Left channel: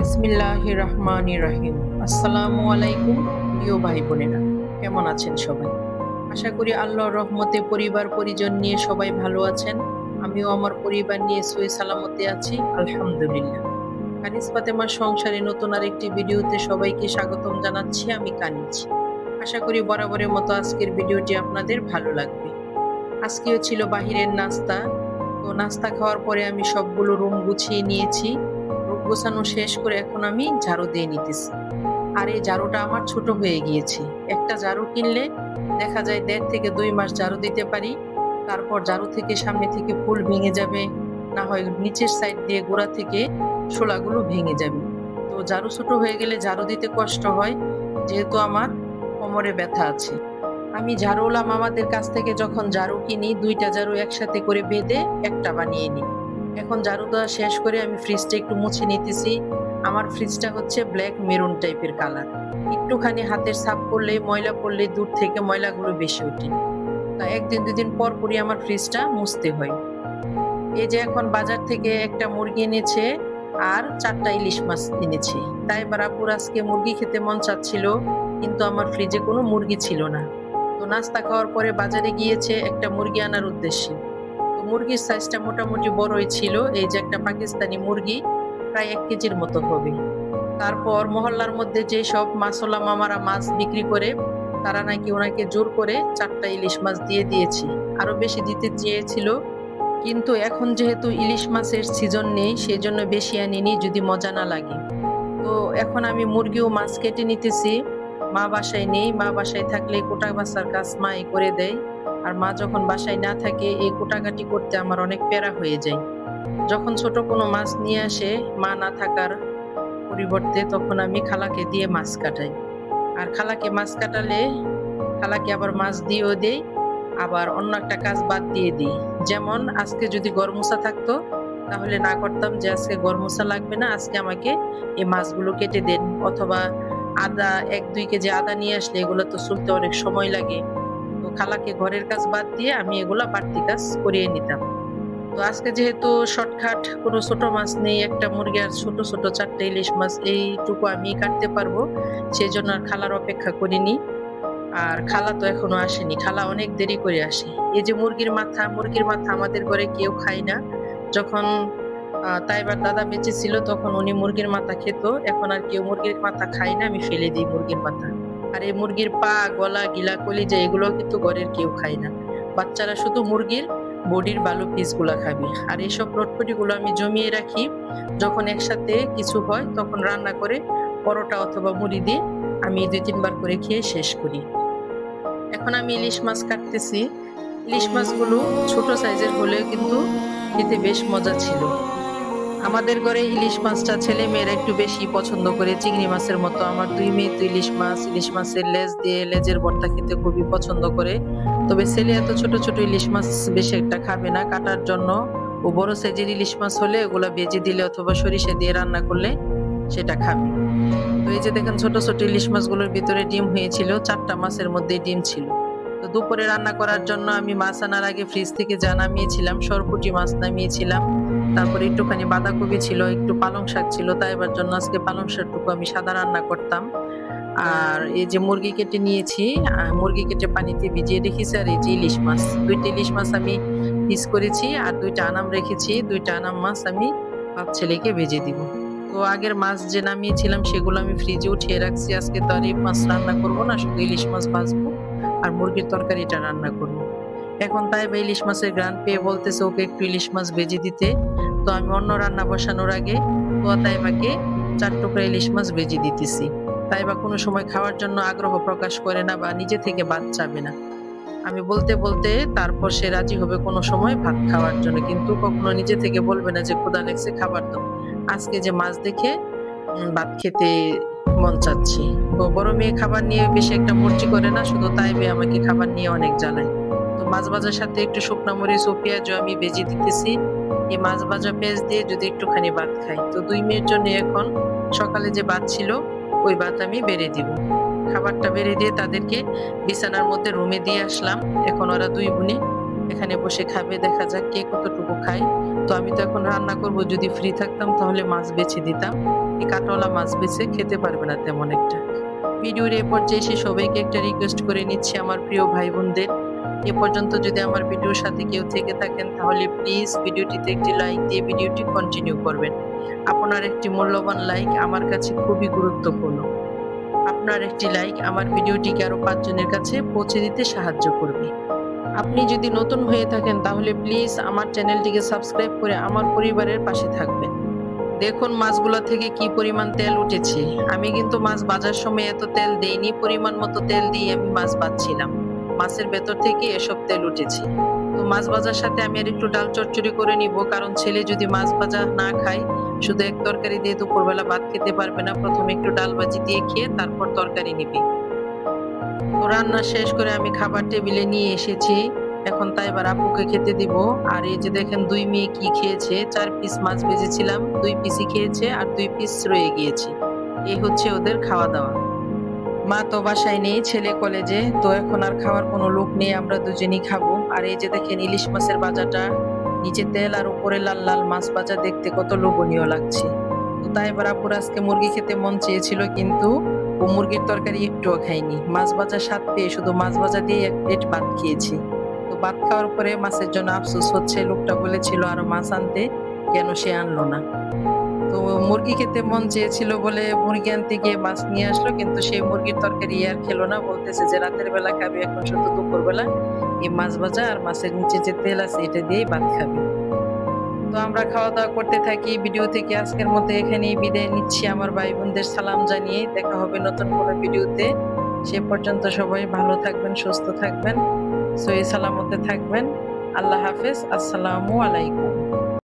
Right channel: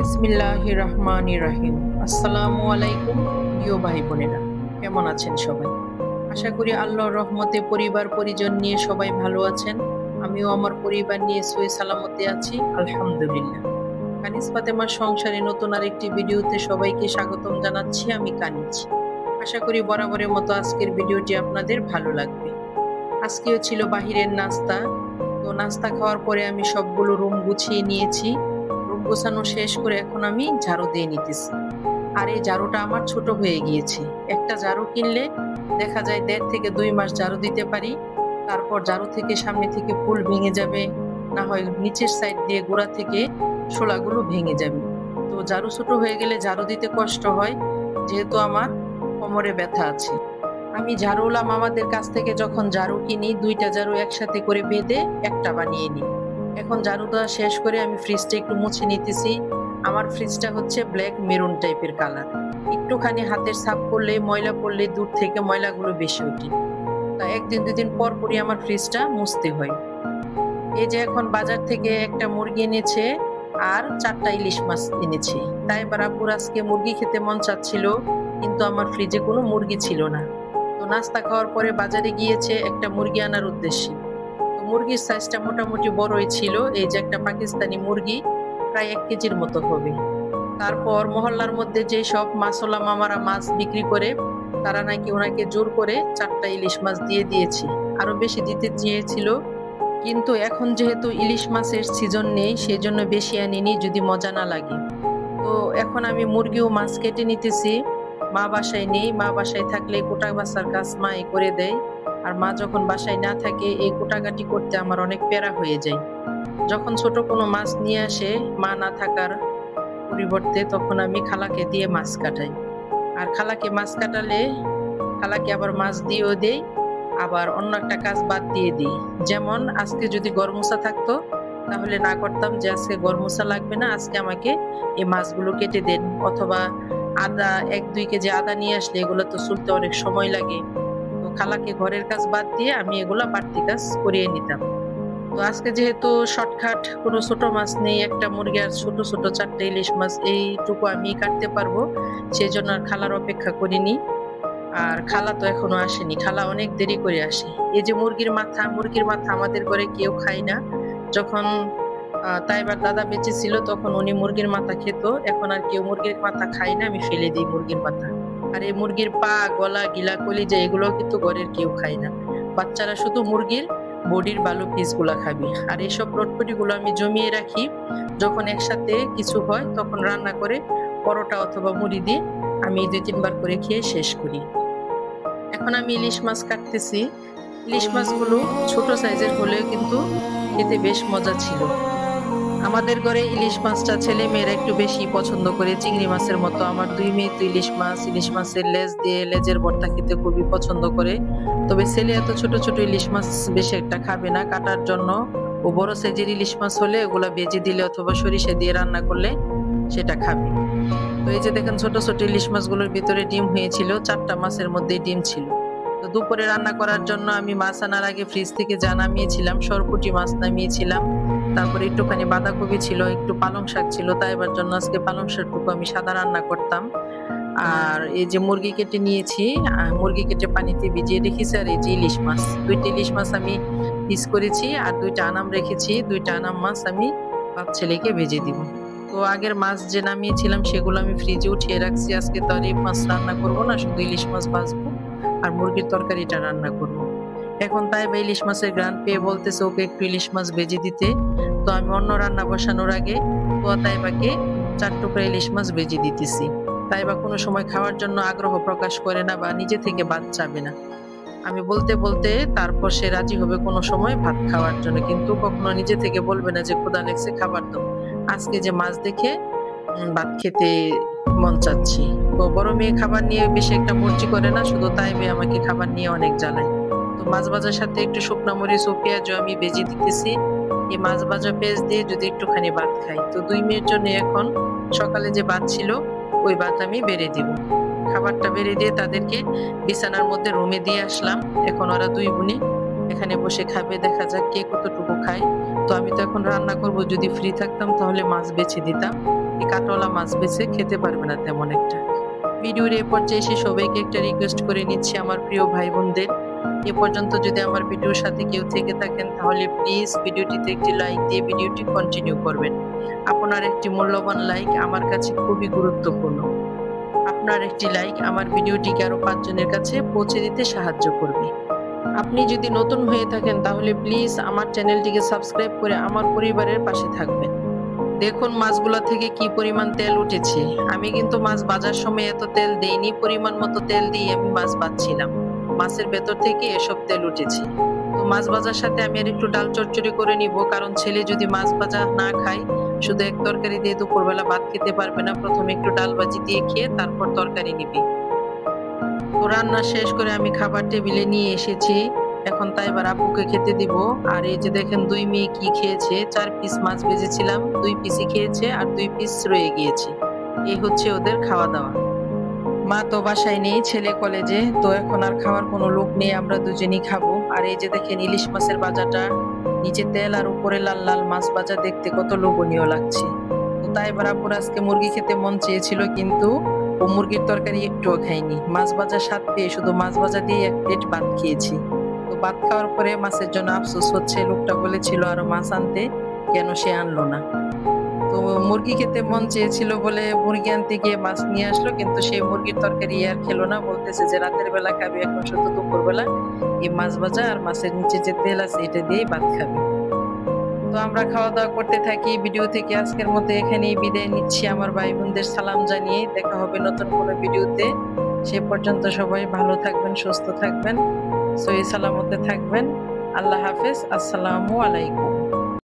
বিসমিল্লাহির রহমানির রহিম। আসসালামু আলাইকুম প্রিয় ভাই বোনেরা, কেমন আছেন সবাই? আশা করি আল্লাহর রহমতে পরিবার পরিজন নিয়ে সবাই ভালো আছেন। আমিও আমার পরিবার নিয়ে সহি সালামতে আছি, আলহামদুলিল্লাহ। কানিজ ফাতেমার সংসারে নতুন আরেকটি ভিডিওতে সবাইকে স্বাগতম জানাচ্ছি। আমি কানিজ। আশা করি বরাবরের মতো আজকের ভিডিওটি আপনাদের ভালো লাগবে। আজকেও ছিল বাহিরের নাস্তা। তো নাস্তা খাওয়ার পরে আমি সবগুলো রুম গুছিয়ে নিয়েছি। রুম গোছানো শেষ করে এখন আমি ঝাড়ু দিয়ে নিতেছি। আর এই ঝাড়ুটা আমার ছোট হয়ে গিয়েছে। একটা ঝাড়ু কিনলে দেখা যায় 1.5 থেকে 2 মাস ঝাড়ু দিতে পারি। তারপর ঝাড়ু থেকে সামনে থেকে ফুল ভেঙে যাবে, না হয় নিচের সাইড দিয়ে গোড়া থেকে শোলাগুলো ভেঙে যাবে। তো ঝাড়ু ছোট হয়ে গেলে ঝাড়ু দিতে কষ্ট হয়, যেহেতু আমার কোমরে ব্যথা আছে। আমি ঝাড়ুওয়ালা মামাদের কাছ থেকে যখন ঝাড়ু কিনি, 2টা ঝাড়ু একসাথে করে বেঁধে একটা বানিয়ে নিই। এখন ঝাড়ু দেওয়া শেষ করে আমি ফ্রিজটা একটু মুছে নিতেছি। আমার ফ্রিজটা হচ্ছে ব্ল্যাক মেরুন টাইপের কালার। একটুখানি হাতের ছাপ পড়লে, ময়লা পড়লে দূর থেকে ময়লাগুলো বেশি ওঠে। তা 1 দিন 2 দিন পর পরই আমার ফ্রিজটা মুছতে হয়। এই যে এখন বাজার থেকে একটা মুরগি এনেছে আর 4টা ইলিশ মাছ এনেছে। তাই এবার আব্বুর আজকে মুরগি খেতে মন চাচ্ছিল, কিন্তু আমার ফ্রিজে কোনো মুরগি ছিল না। তো নাস্তা খাওয়ার পরে বাজারে গিয়েছে একটা মুরগি আনার উদ্দেশ্যে। তো মুরগির সাইজটা মোটামুটি বড়ই ছিল। এই যে একটা পাকিস্তানি মুরগি, প্রায় 1 কেজির মতো হবে। তারপর মহল্লার মধ্যে যে সব মাছওয়ালা মামারা মাছ বিক্রি করে, তারা নাকি ওনাকে জোর করে 4টা ইলিশ মাছ দিয়ে দিয়েছে। আরো বেশি দিতে চেয়েছিল, কিন্তু এখন যেহেতু ইলিশ মাছের সিজন নেই, সেজন্য বেশি আনিনি, যদি মজা না লাগে। তো এখন আমি মুরগি ও মাছ কেটে নিতেছি। মা বাসায় নেই, মা বাসায় থাকলে কোটা বাছার কাজ মাই করে দেয়। আর মা যখন বাসায় না থাকে, এই কোটাকাটি করতে আমার অনেক প্যারা হয়ে যায়। যখন ছোট কোনো মাছ নিয়ে আসে মা না থাকার পরিবর্তে, তখন আমি খালাকে দিয়ে মাছ কাটাই। আর খালাকে মাছ কাটালে খালাকে আবার মাছ দিয়েও দেই, আবার অন্য একটা কাজ বাদ দিয়ে দিই। যেমন আজকে যদি গরমোসা থাকতো, তাহলে না করতাম যে আজকে গরমোসা লাগবে না, আজকে আমাকে এই মাছগুলো কেটে দেন। অথবা আদা 1-2 কেজি আদা নিয়ে আসলে এগুলো তো চুলতে অনেক সময় লাগে। তো খালাকে ঘরের কাজ বাদ দিয়ে আমি এগুলা বাড়তি কাজ করিয়ে নিতাম। তো আজকে যেহেতু শর্টকাট, কোনো ছোট মাছ নেই, একটা মুরগি আর ছোট ছোট 4টে ইলিশ মাছ, এইটুকু আমি কাটতে পারবো, সেই জন্য আর খালার অপেক্ষা করিনি। আর খালা তো এখনো আসেনি, খালা অনেক দেরি করে আসে। এই যে মুরগির মাথা আমাদের ঘরে কেউ খায় না। যখন তাইবার দাদা বেঁচে ছিল, তখন উনি মুরগির মাথা খেত। এখন আর কেউ মুরগির মাথা খায় না, আমি ফেলে দিই মুরগির মাথা। আর এই মুরগির পা, গলা, গিলা, কলিজা এগুলো কিন্তু ঘরের কেউ খায় না। বাচ্চারা শুধু মুরগির বডির ভালো পিস গুলা খাবে। আর এসব রটপটি গুলো আমি জমিয়ে রাখি, যখন একসাথে কিছু হয় তখন রান্না করে পরোটা অথবা মুড়ি দিয়ে আমি 2-3 বার করে খেয়ে শেষ করি। এখন আমি ইলিশ মাছ কাটতেছি। ইলিশ মাছগুলো ছোট সাইজের হলেও কিন্তু খেতে বেশ মজা ছিল। আমাদের ঘরে ইলিশ মাছটা ছেলে মেয়েরা একটু বেশি পছন্দ করে, চিংড়ি মাছের মতো। আমার 2 মেয়ে তো ইলিশ মাছের লেজ দিয়ে লেজের ভর্তা খেতে খুবই পছন্দ করে। তবে ছেলে এত ছোট ছোট ইলিশ মাছ বেশি একটা খাবে না। কাটার জন্য ও বড় সাইজের ইলিশ মাছ হলে ওগুলা ভেজে দিলে অথবা সরিষা দিয়ে রান্না করলে সেটা খাবে। তো এই যে দেখেন, ছোট ছোট ইলিশ মাছগুলোর ভিতরে ডিম হয়েছিল, 4টা মাছের মধ্যে ডিম ছিল। তো দুপুরে রান্না করার জন্য আমি মাছ আনার আগে ফ্রিজ থেকে যা নামিয়েছিলাম, সরপুঁটি মাছ নামিয়েছিলাম। তারপরে একটুখানি বাঁধাকপি ছিল, একটু পালং শাক ছিল, তাই এবার জন্য আজকে পালং শাকটুকু আমি সাদা রান্না করতাম। আর এই যে মুরগি কেটে নিয়েছি, মুরগি কেটে পানিতে ভিজিয়ে রেখেছি। আর এই যে ইলিশ মাছ, 2টা ইলিশ মাছ আমি পিস করেছি। আর 2টা আনাম রেখেছি, 2টা আনাম মাছ আমি বাপ ছেলেকে ভেজে দিব। তো আগের মাছ যে নামিয়েছিলাম সেগুলো আমি ফ্রিজে উঠিয়ে রাখছি। আজকে তো আর এই মাছ রান্না করবো না, শুধু ইলিশ মাছ ভাজবো আর মুরগির তরকারিটা রান্না করব। এখন তাই বা ইলিশ মাছের ঘ্রাণ পেয়ে বলতেছে ওকে একটু ইলিশ মাছ ভেজে দিতে। তো আমি অন্য রান্না বসানোর আগে তাইবাকে 4 টুকরা ইলিশ মাছ ভেজে দিতেছি। তাইবা কোনো সময় খাওয়ার জন্য আগ্রহ প্রকাশ করে না বা নিজে থেকে ভাত চাবে না। আমি বলতে বলতে তারপর সে রাজি হবে কোনো সময় ভাত খাওয়ার জন্য, কিন্তু কখনো নিজে থেকে বলবে না যে ক্ষুধা লেগছে খাবার দাও। আজকে যে মাছ দেখে ভাত খেতে মন চাচ্ছে। তো বড় মেয়ে খাবার নিয়ে বেশি একটা মর্জি করে না, শুধু তাই মেয়ে আমাকে খাবার নিয়ে অনেক জ্বালায়। তো মাছ ভাজার সাথে একটু শুকনা মরিচ ও পেঁয়াজও আমি ভেজে দিতেছি। এই মাছ ভাজা পেঁয়াজ দিয়ে যদি একটুখানি ভাত খাই। তো 2 মেয়ের জন্য এখন সকালে যে ভাত ছিল ওই ভাত আমি বেড়ে দিব। খাবারটা বেড়ে দিয়ে তাদেরকে বিছানার মধ্যে রুমে দিয়ে আসলাম। এখন ওরা 2 বোনে এখানে বসে খাবে, দেখা যাক কে কতটুকু খায়। তো আমি তো এখন রান্না করব, যদি ফ্রি থাকতাম তাহলে মাছ বেছে দিতাম, এই কাঁটাওয়ালা মাছ বেছে খেতে পারবে না তেমন একটা। ভিডিওর এ পর্যায়ে এসে সবাইকে একটা রিকোয়েস্ট করে নিচ্ছি আমার প্রিয় ভাই বোনদের, এ পর্যন্ত যদি আমার ভিডিওর সাথে কেউ থেকে থাকেন তাহলে প্লিজ ভিডিওটিতে একটি লাইক দিয়ে ভিডিওটি কন্টিনিউ করবেন। আপনার একটি মূল্যবান লাইক আমার কাছে খুবই গুরুত্বপূর্ণ। আপনার একটি লাইক আমার ভিডিওটিকে আরো 5 জনের কাছে পৌঁছে দিতে সাহায্য করবে। আপনি যদি নতুন হয়ে থাকেন তাহলে প্লিজ আমার চ্যানেলটিকে সাবস্ক্রাইব করে আমার পরিবারের পাশে থাকবেন। দেখুন মাছগুলা থেকে কি পরিমাণ তেল উঠেছে। আমি কিন্তু মাছ ভাজার সময় এত তেল দেইনি, পরিমাণ মতো তেল দিয়ে আমি মাছ ভাজছিলাম। মাছের ভেতর থেকে এসব তেল উঠেছে। তো মাছ ভাজার সাথে আমি আর একটু ডাল চচ্চড়ি করে নিব, কারণ ছেলে যদি মাছ ভাজা না খায়, শুধু এক তরকারি দিয়ে দুপুরবেলা ভাত খেতে পারবে না। প্রথমে একটু ডাল ভাজি দিয়ে খেয়ে তারপর তরকারি নিবে। তো রান্না শেষ করে আমি খাবার টেবিলে নিয়ে এসেছি। এখন তাই এবার আপুকে খেতে দিব। আর এই যে দেখেন 2 মেয়ে কি খেয়েছে। 4 পিস মাছ ভেজেছিলাম, 2 পিসই খেয়েছে আর 2 পিস রয়ে গিয়েছে। এই হচ্ছে ওদের খাওয়া দাওয়া। মা তো বাসায় নেই, ছেলে কলেজে, তো এখন আর খাওয়ার কোনো লোক নেই, আমরা দুজনেই খাবো। আর এই যে দেখেন ইলিশ মাছের ভাজাটা, নিচে তেল আর উপরে লাল লাল মাছ ভাজা, দেখতে কত লোভনীয় লাগছে। তো তাই এবার আপুর আজকে মুরগি খেতে মন চেয়েছিল, কিন্তু ও মুরগির তরকারি একটুও খায়নি। মাছ ভাজা স্বাদ পেয়ে শুধু মাছ ভাজা দিয়ে 1 প্লেট ভাত খেয়েছি। তো ভাত খাওয়ার পরে মাছের জন্য আফসোস হচ্ছে, লোকটা বলেছিল আরো মাছ আনতে, কেন সে আনলো না। তো মুরগি খেতে মন চেয়েছিল বলে মুরগি আনতে গিয়ে মাছ নিয়ে আসলো, কিন্তু সেই মুরগির তরকারি আর খেলো না। বলতেছে যে রাতের বেলা খাবে, এখন শুধু দুপুর বেলা এই মাছ ভাজা আর মাছের নিচে যে তেল আছে এটা দিয়েই ভাত খাবে। তো আমরা খাওয়া দাওয়া করতে থাকি। ভিডিও থেকে আজকের মতো এখানেই বিদায় নিচ্ছি আমার ভাই বোনদের সালাম জানিয়ে। দেখা হবে নতুন কোনো ভিডিওতে। সে পর্যন্ত সবাই ভালো থাকবেন, সুস্থ থাকবেন, সহি সালামতে থাকবেন। আল্লাহ হাফেজ। আসসালামু আলাইকুম।